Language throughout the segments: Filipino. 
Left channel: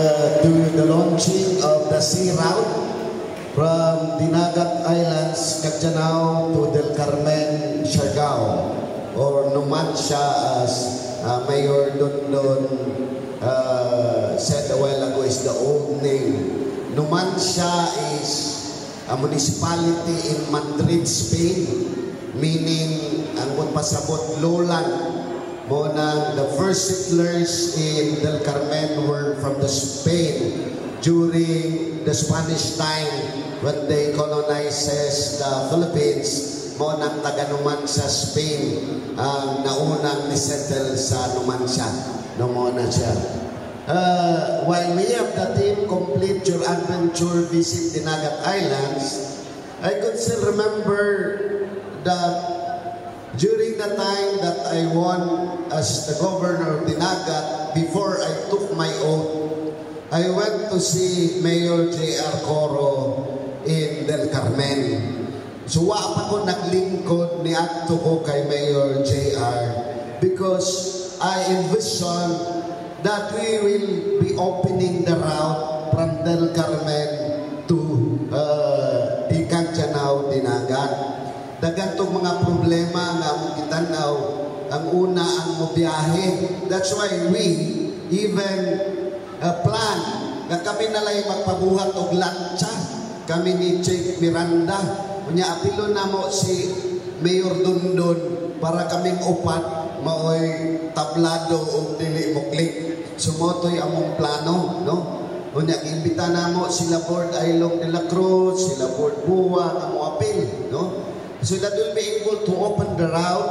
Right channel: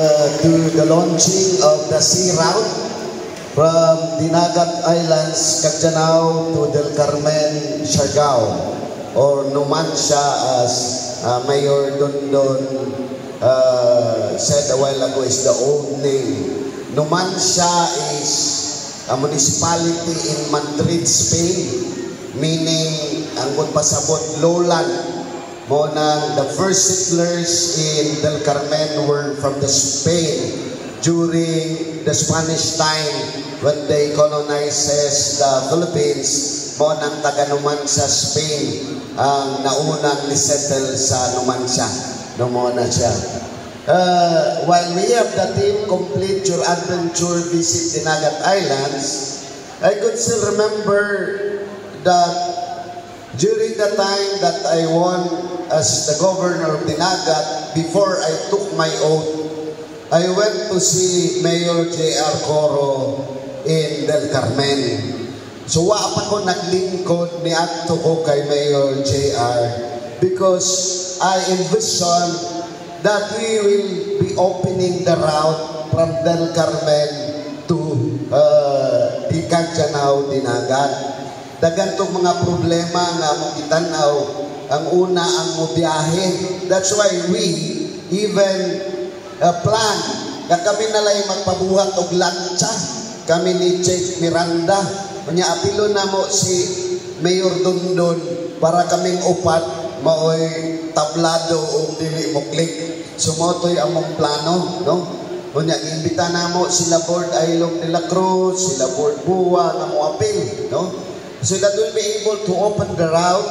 To the launching of the sea route from Dinagat Islands, Cagjanao to Del Carmen, Siargao, or Numancia as Mayor Dondon said a while ago is the old name. Numancia is a municipality in Madrid, Spain, meaning ang pasabot lowland. The first settlers in Del Carmen were from the Spain during the Spanish time when they colonizes the Philippines. Monang taga Numancia, Spain ang naunang nisettle sa Numancia. Numona siya. While we have the team complete your adventure visit Dinagat Islands, I could still remember that during the time that I won as the governor of Dinagat, before I took my oath, I went to see Mayor J.R. Coro in Del Carmen. So wa pa ko naglingkod ni adto ko kay Mayor J.R. because I envision that we will be opening the route from Del Carmen to Cagjanao, Dinagat. Dagantong mga problema nga mong itanaw, ang una ang biyahe. That's why we even plan na kami nalay magpabuhat og lancha. Kami ni Chief Miranda. Kanya apilo na mo si Mayor Dondon para kaming upat maoy tablado o dili muklik. Sumotoy among plano, no? Kanya imbita na mo sila Board Ailog de la Cruz, sila Board Buwa, na mo apil, no? So that we'll be able to open the route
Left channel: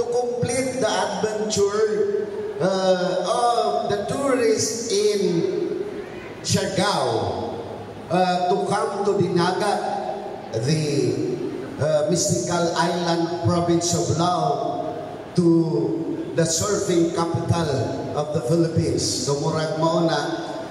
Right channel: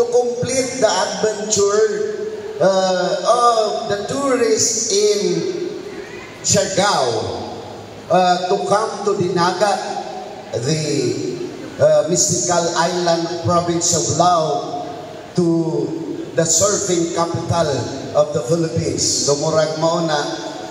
to complete the adventure of the tourists in Siargao to come to Dinagat, the mystical island province of Lao, to the surfing capital of the Philippines. So murag mao na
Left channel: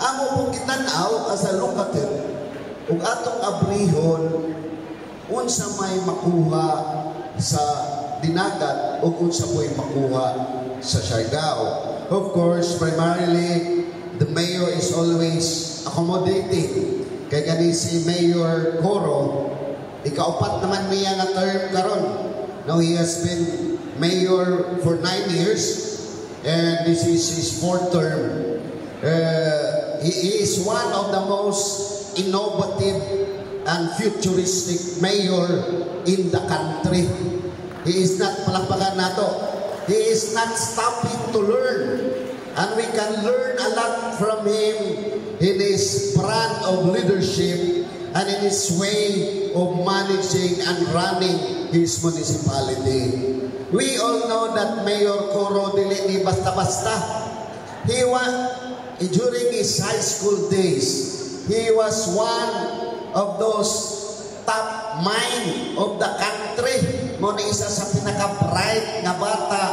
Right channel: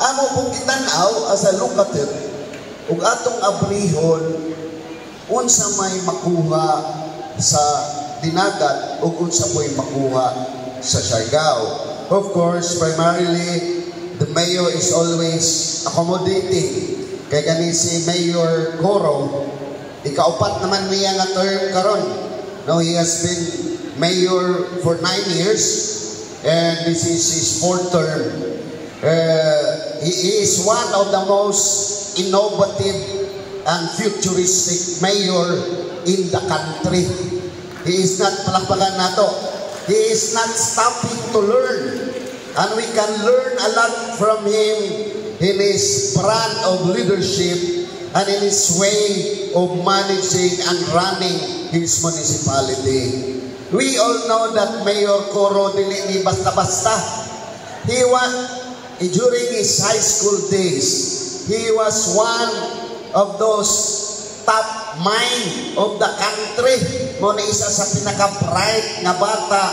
amo pong kitanaw as a locative ug atong abrihon unsa may makuha sa Dinagat o unsa may makuha sa Siargao. Of course, primarily, the mayor is always accommodating. Kay gani si Mayor Coro, ikaupat naman niya nga term karon. Now, he has been mayor for 9 years and this is his 4th term. He is one of the most innovative and futuristic mayor in the country. He is not palakpakan nato. He is not stopping to learn. And we can learn a lot from him in his brand of leadership and in his way of managing and running his municipality. We all know that Mayor Coro dili ni basta-basta. He was, during his high school days, he was one of those top mind of the country. Muna isa sa pinaka-bright na bata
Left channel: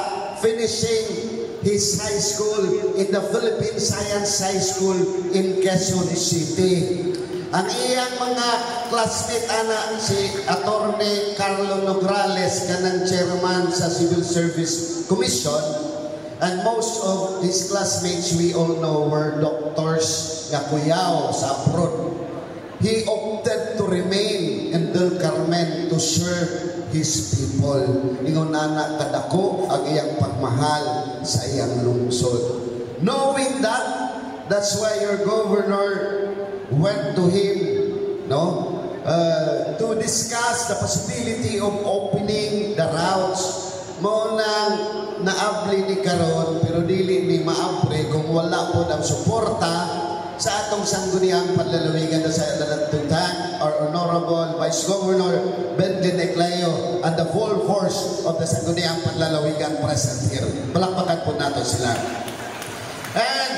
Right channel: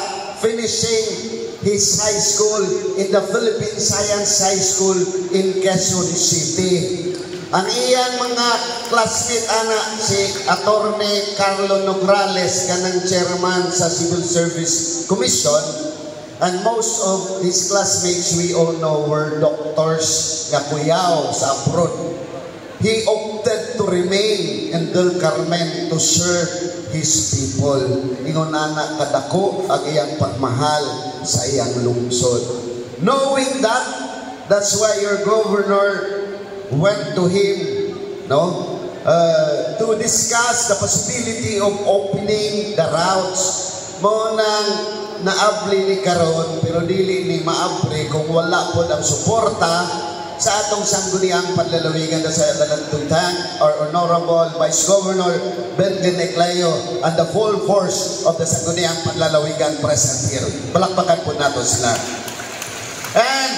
finishing his high school in the Philippine Science High School in Quezon City. Ang iyang mga classmate ana si Attorney Carlo Nograles kanang chairman sa Civil Service Commission, and most of his classmates we all know were doctors nga kuyaw sa abroad. He opted to remain in Del Carmen to serve his people. Ingon anak kadako ang iyang pagmahal sa iyang lungsod. Knowing that, that's why your governor went to him, no, to discuss the possibility of opening the routes. Mo nang naabli ni karon pero dili ni maabri kung wala po ang suporta sa atong sangguniang panlalawigan sa Dalantutan, our Honorable Vice Governor Benjamin Eclayo and the full force of the sangguniang panlalawigan present here. Palakpakan po nato sila. And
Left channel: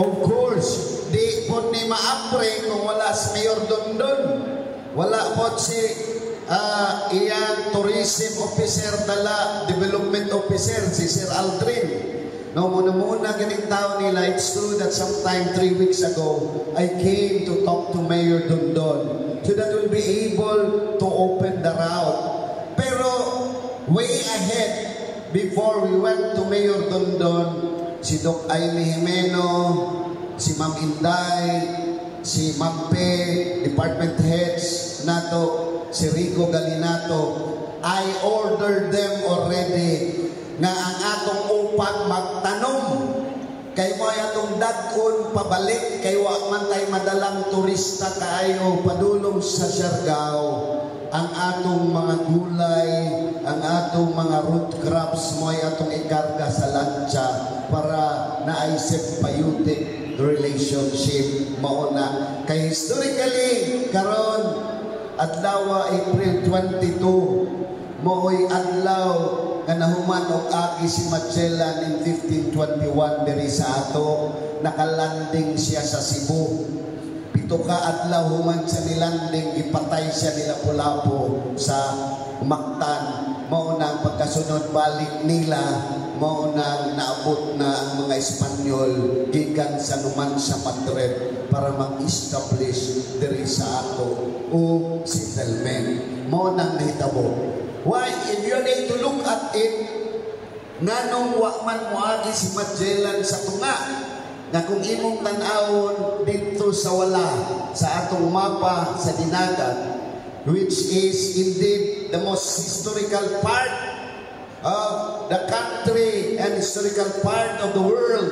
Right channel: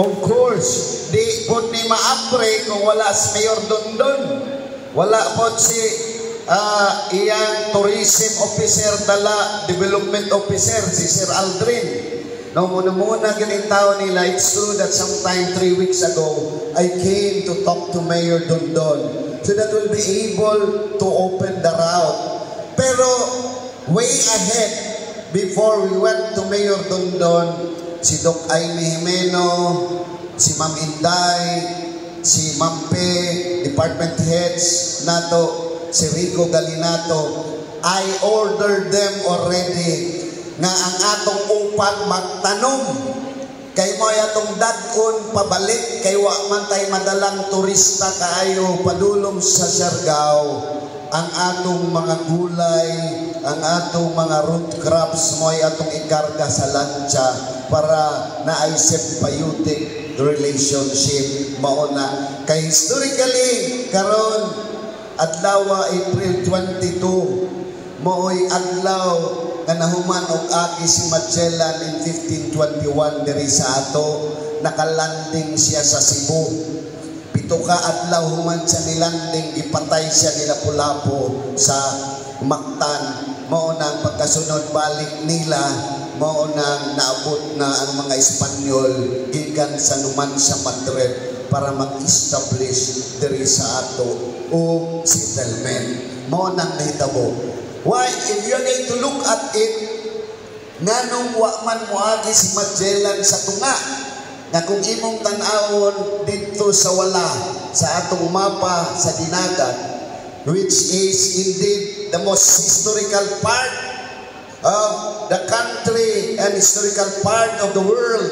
of course, di po ni maapre kung wala si Mayor Dondon, wala po si iyang tourism officer dala development officer si Sir Aldrin. No, muna galing tao nila. It's true that sometime 3 weeks ago, I came to talk to Mayor Dondon so that we'll be able to open the route. Pero way ahead, before we went to Mayor Dondon, si Doc Aimee Jimeno, si Ma'am Inday, si Ma'am Pe, department heads nato, si Rico Galinato, I ordered them already na ang atong upat magtanom. Kay mo atong dagon pabalik, kay wa man tay madalang turista kaayo padulong sa Siargao. Ang atong mga gulay, ang atong mga root crops mo ay atong ikarga sa lancha para naay symbiotic relationship mauna. Kay historically karon adlaw April 22 mooy adlaw nga nahuman og aki si Magellan in 1521 diri sa ato, nakalanding siya sa Cebu. Pito ka adlaw human siya nilanding, ipatay siya ni Lapu-Lapu sa Mactan. Mao nang pagkasunod balik nila, mao nang naabot na ang mga Espanyol gikan sa Numancia, Madrid para mag-establish diri sa ato o settlement. Mao nang nahitabo. Why, if you're going to look at it, nganong wa man moagi si Magellan sa tunga, na kung imong tan-awon dito sa wala, sa atong mapa sa dinagat, which is indeed the most historical part of the country and historical part of the world,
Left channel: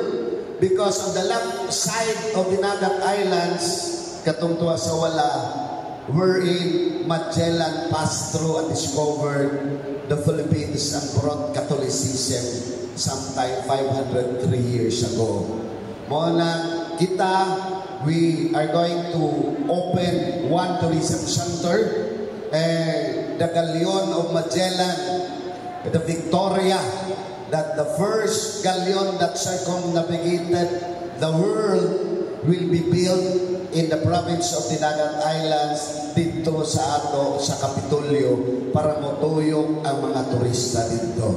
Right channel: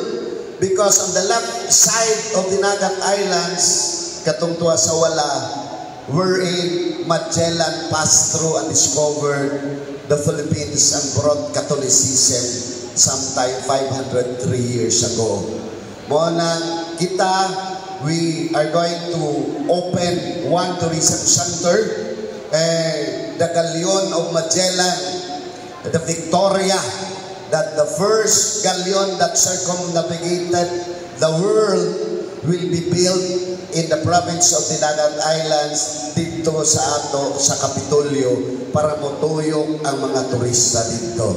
because on the left side of Dinagat Islands, katong tuwa sa wala, wherein Magellan passed through and discovered the Philippines and brought Catholicism sometime 503 years ago. Muna kita, we are going to open one tourism center, the Galleon of Magellan, the Victoria, that the first galleon that circumnavigated the world will be built in the province of Dinagat Islands dito sa ato sa Kapitolyo para motuyok ang mga turista dito.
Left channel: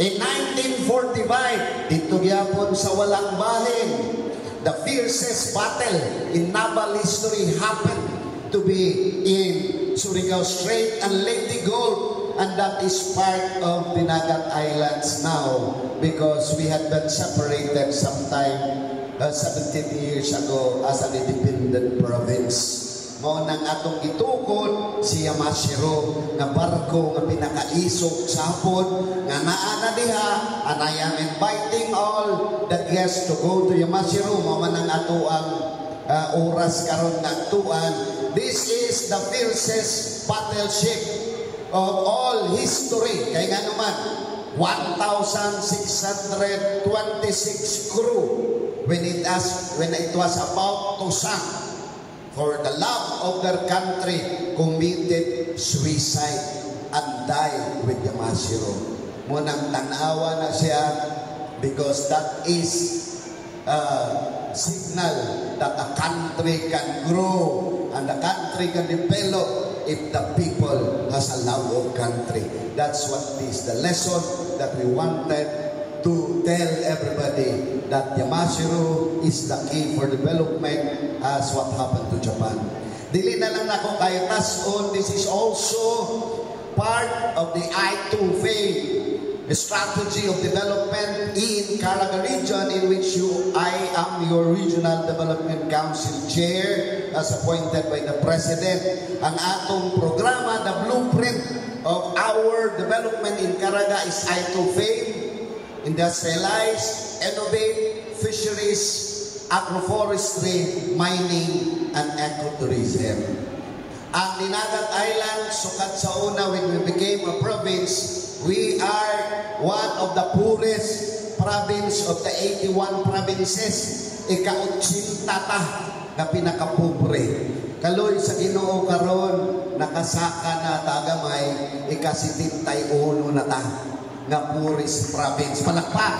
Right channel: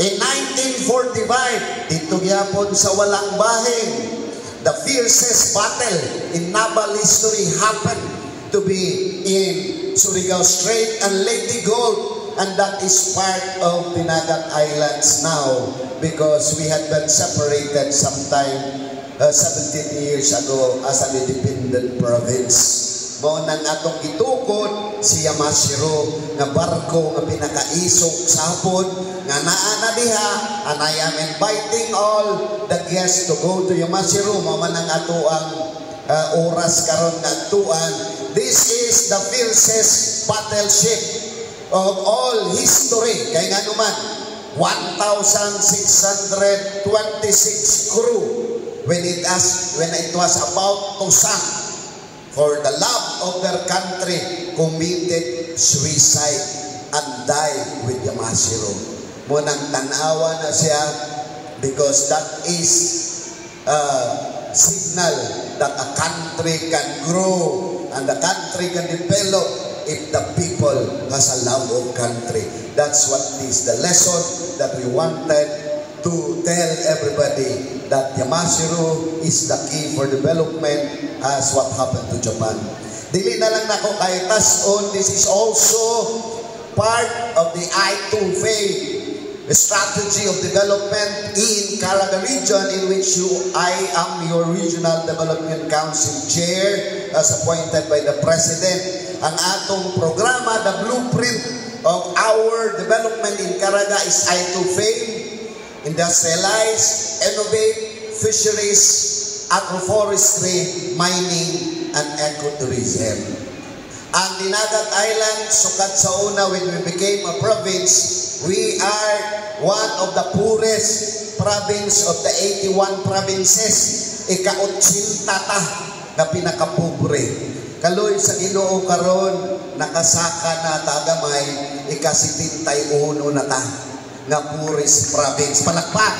In 1945, dito gyapon sa walang bahin, the fiercest battle in naval history happened to be in Surigao Strait and Leyte Gulf, and that is part of Dinagat Islands now because we had been separated sometime 17 years ago as an independent province. Mao nang atong gitukod si Yamashiro nga barko nga pinakaisog sa hapon nga naa na diha, and I am inviting all the guests to go to Yamashiro. Mao man ang ato ang oras karon nga tuan. This is the fiercest battleship of all history. Kay nga naman 1,626 crew when it was about to sink for the love of their country, committed suicide and died with Yamashiro. Munang tanawa na siya because that is a signal that a country can grow and the country can develop if the people has a love of country. That's what is the lesson that we wanted to tell everybody, that Yamashiro is the key for development as what happened to Japan. Dili na lang nako kay tas-on, this is also part of the I2FAY, the strategy of development in Caraga region, in which I am your Regional Development Council Chair as appointed by the President. Ang atong programa, the blueprint of our development in Caraga is I2FAY, industrialize, innovate, fisheries, agroforestry, mining, and ecotourism. Ang Dinagat Island, sukat sa una when we became a province, we are one of the poorest province of the 81 provinces. Ika-80 ta na pinakapobre. Kaloy sa Ginoo karon, nakasaka na tagamay, ika-71 na ta na poorest province. Palakpak.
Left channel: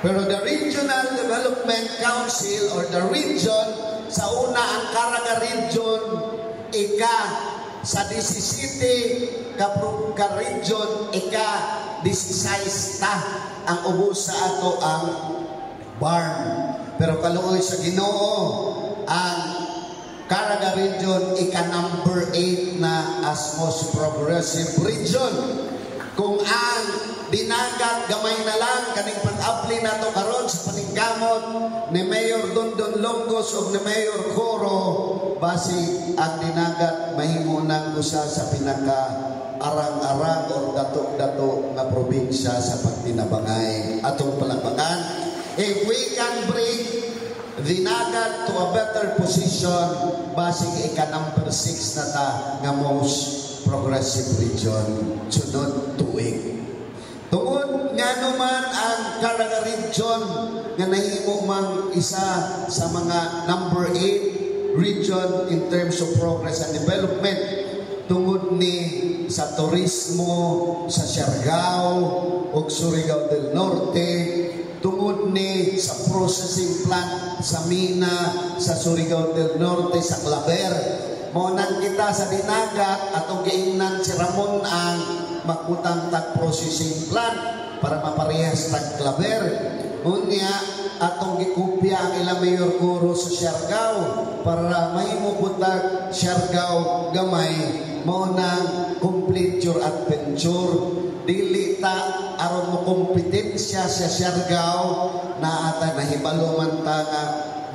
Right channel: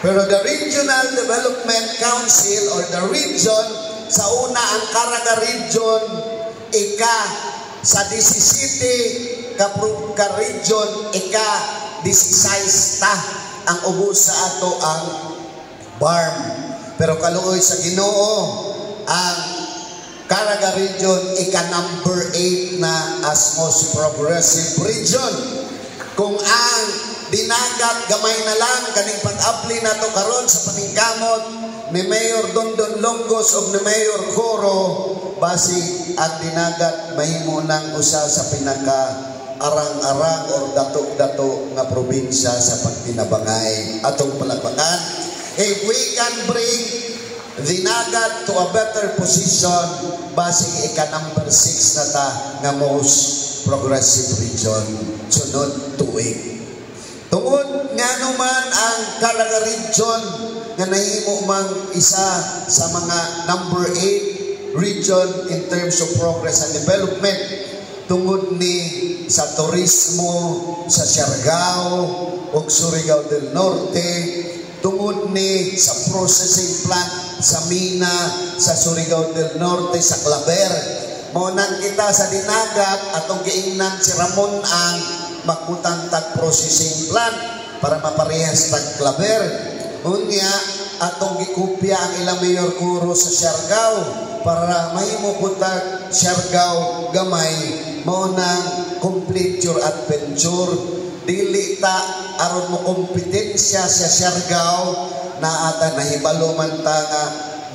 Pero the Regional Development Council or the region, sa una ang Caraga region, sa 17 ka region, 16 ta ang ubos sa ato ang farm. Pero kaluoy sa Ginoo, ang Caraga region, number 8 na as most progressive region. Kung ang dinagat gamay na lang kaning pag-apli na to karon sa paningkamot ni Mayor Dondon Longos o ni Mayor Coro basi ang dinagat mahimo nang usa sa pinaka arang-arang o dato-dato nga probinsya sa pagkinabangay atong palakpakan. If we can bring dinagat to a better position basi ika number 6 na ta nga most progressive region sunod tuig. Tungod nga naman ang Calaga region nga nahimo mang isa sa mga number 8 region in terms of progress and development tungod ni sa turismo sa Siargao ug Surigao del Norte, tungod ni sa processing plant sa Mina sa Surigao del Norte sa Claver. Monan kita sa dinagat atong giingnan si Ramon ang makutang tag processing plant para maparehas tag Claver. Unya atong gikopya ang ilang Mayor Coro sa Siargao para mahimo putag Siargao gamay mao nang complete your adventure. Dili ta aron mo kompetensya sa Siargao na ata nahibalo man ta nga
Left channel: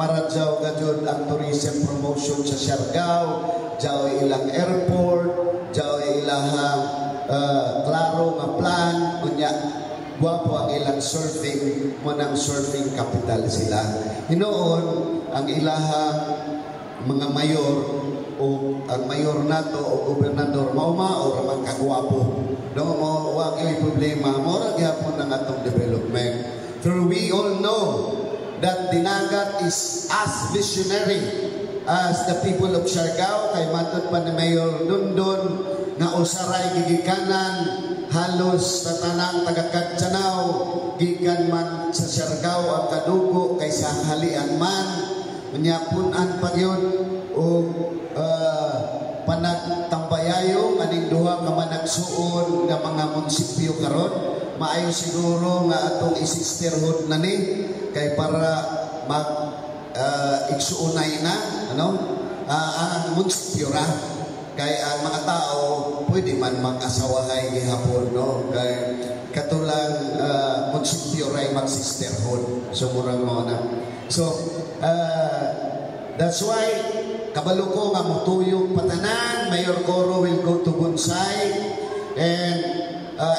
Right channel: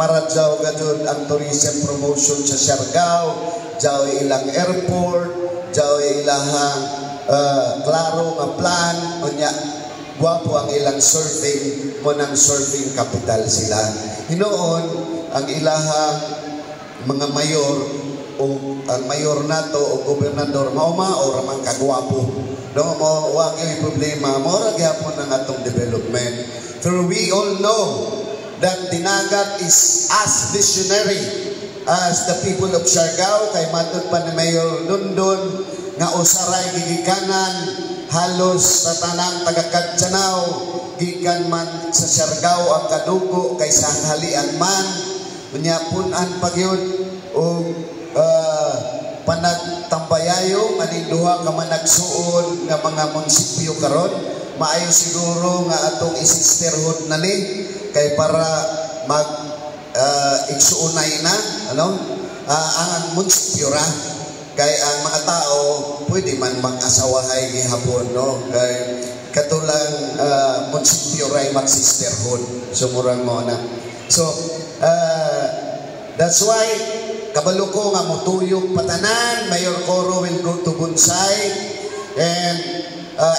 maradyaw gajud ang tourism promotion sa Siargao, jaw ilang airport, jaw ilang klaro nga plan, unya guwapo ang ilang surfing, mo nang surfing capital sila. Hinoon ang ilahang mga mayor o ang mayor nato o gobernador mao-mao ramang kagwapo. No mo wa kay problema mo ra gyapon ang atong development. For we all know that dinagat is as visionary as the people of Siargao kay matud pa ni Mayor Dondon nga usaray gigikanan halos sa tanang taga-Katsanaw gikan man sa Siargao ang kadugo kay sa halian man unyapun-an pagyud o panagtambayayo aning duha ka managsuon nga mga munisipyo karon maayo siguro nga atong isisterhod na ni kay para mag igsuunay na ang munisipyo ra kay ang mga tao pwede man mag-asawahay gihapon no kay katulang munisipyo ray mag-sisterhood sumurang mo na so that's why kabalo ko nga motuyok patanan Mayor Coro will go to Bonsai and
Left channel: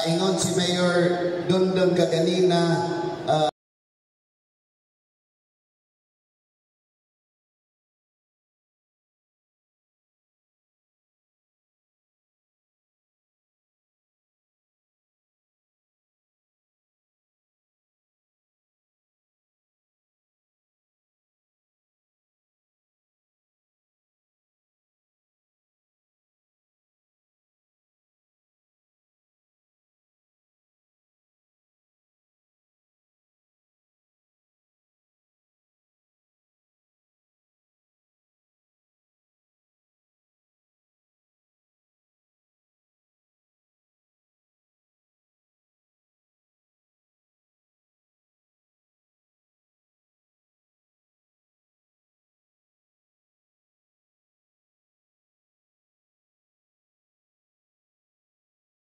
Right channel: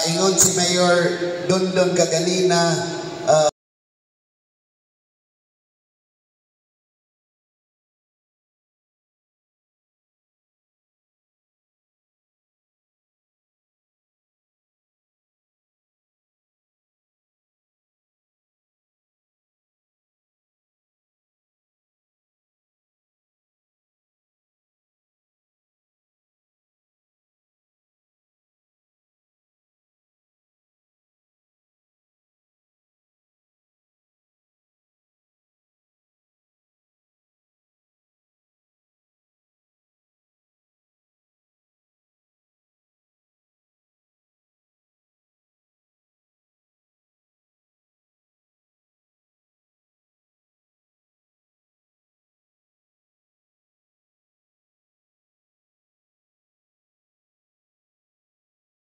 ingon si Mayor Dondon kaganina